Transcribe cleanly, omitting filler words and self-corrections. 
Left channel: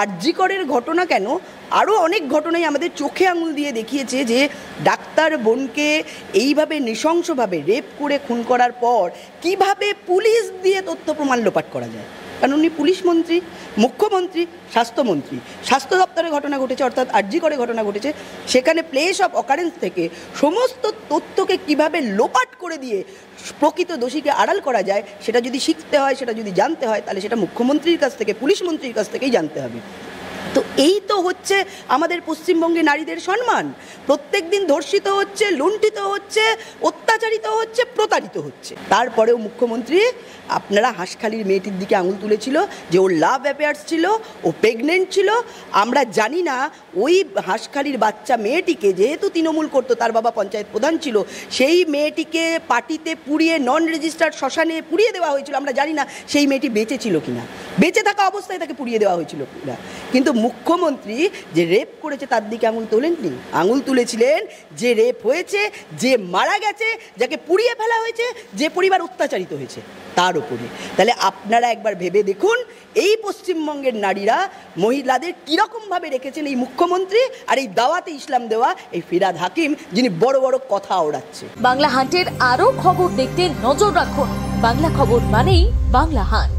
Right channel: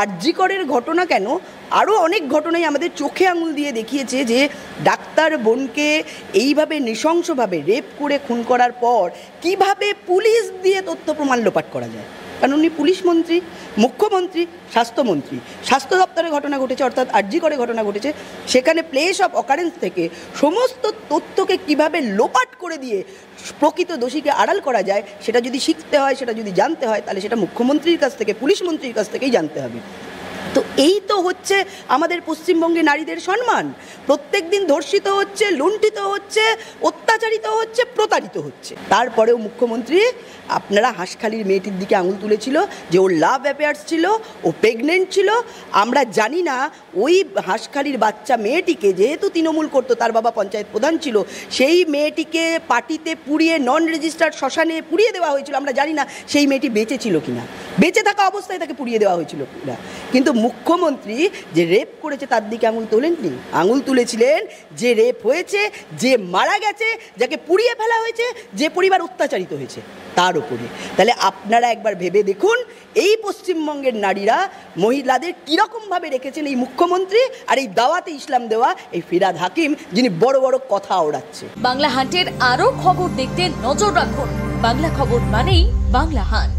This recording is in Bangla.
আরজি করের ঘটনা কেন, আরও অনেক ঘটনাই আমাদের চোখে আঙুল দিয়ে দেখিয়েছে যে ডাক্তার বোনকে এইভাবে নৃশংসভাবে রেপ করে খুন করার পর কিভাবে পুলিশ দিয়ে তথ্য প্রমাণ লোপাট করা যায়। কারণ উনি পুলিশ মন্ত্রী, মুখ্যমন্ত্রী, স্বাস্থ্যমন্ত্রী। স্বাস্থ্য দপ্তরে ঘটনা ঘটেছে, অর্থাৎ আরজি করে ঘটনা ঘটেছে, সেখানে প্লেস অফ অকারেন্স থেকে সমস্ত তথ্যকে কিভাবে লোপাট করে দিয়ে প্রকৃত দোষীকে আড়াল করা যায়, সেটা যদি শিখতে হয়, সেটা যদি জানতে হয়, তাহলে সেটা মুখ্যমন্ত্রীর কাছ থেকে, পুলিশ মন্ত্রীর কাছ থেকেই জানতে হবে। তো এই তো হচ্ছে আমাদের পশ্চিমবঙ্গে নারীদের সম্মান। প্রত্যেক দিন ধর্ষিত হচ্ছে, লুণ্ঠিত হচ্ছে, অত্যাচারিত হচ্ছে, প্রতারিত হচ্ছে। তারপরেও মুখ্যমন্ত্রী আপনারা হাঁসখালির মেয়েটির দিকে আঙুল তুলেছিল যে ওর লাভ অ্যাফেয়ার্স ছিল, ও প্রেগনেন্ট ছিল। আমরা জানি না ওই হাঁসখালির বাচ্চা মেয়েটিকে, যেহেতু তৃণমূল করতো, তার বাবা পঞ্চায়েত প্রধান ছিল, সেই মেয়েটিকে পার্টিতে পুড়িয়ে নন রেজিস্টার্ড শ্মশানে পুড়িয়ে দেওয়া হয়েছিল। আমরা জানি না সেই মেয়েটি বেঁচে ছিল কিনা, বেঁচে থাকা অবস্থায় তাকে পুড়িয়ে দেওয়া হয়েছিল কিনা। কিন্তু মুখ্যমন্ত্রী যে রেপ করেছে তার দিকে আঙুল তোলেননি, আঙুল তুলেছিলেন যে রেপ হয়েছে, যে মারা গেছে, যাকে পুড়িয়ে ফেলা হয়েছে, যে পরিবার অত্যাচারিত হয়েছে তার উপরে। তাহলে আপনারা একবার ভেবে দেখুন এই পশ্চিমবঙ্গের নারীরা মহিলাদের কিরকম ভাবে রেখেছেন এই মুখ্যমন্ত্রী আর এই দাওয়াতে ইসলাম দেওয়া এই ফিরহাদ হাকিম, যিনি বড় বড় কথা ওড়াচ্ছে। বাংলা হান্টের আরো খবর দেখতে নজর রাখুন। বাংলা খবর মানেই বাংলা হান্ট।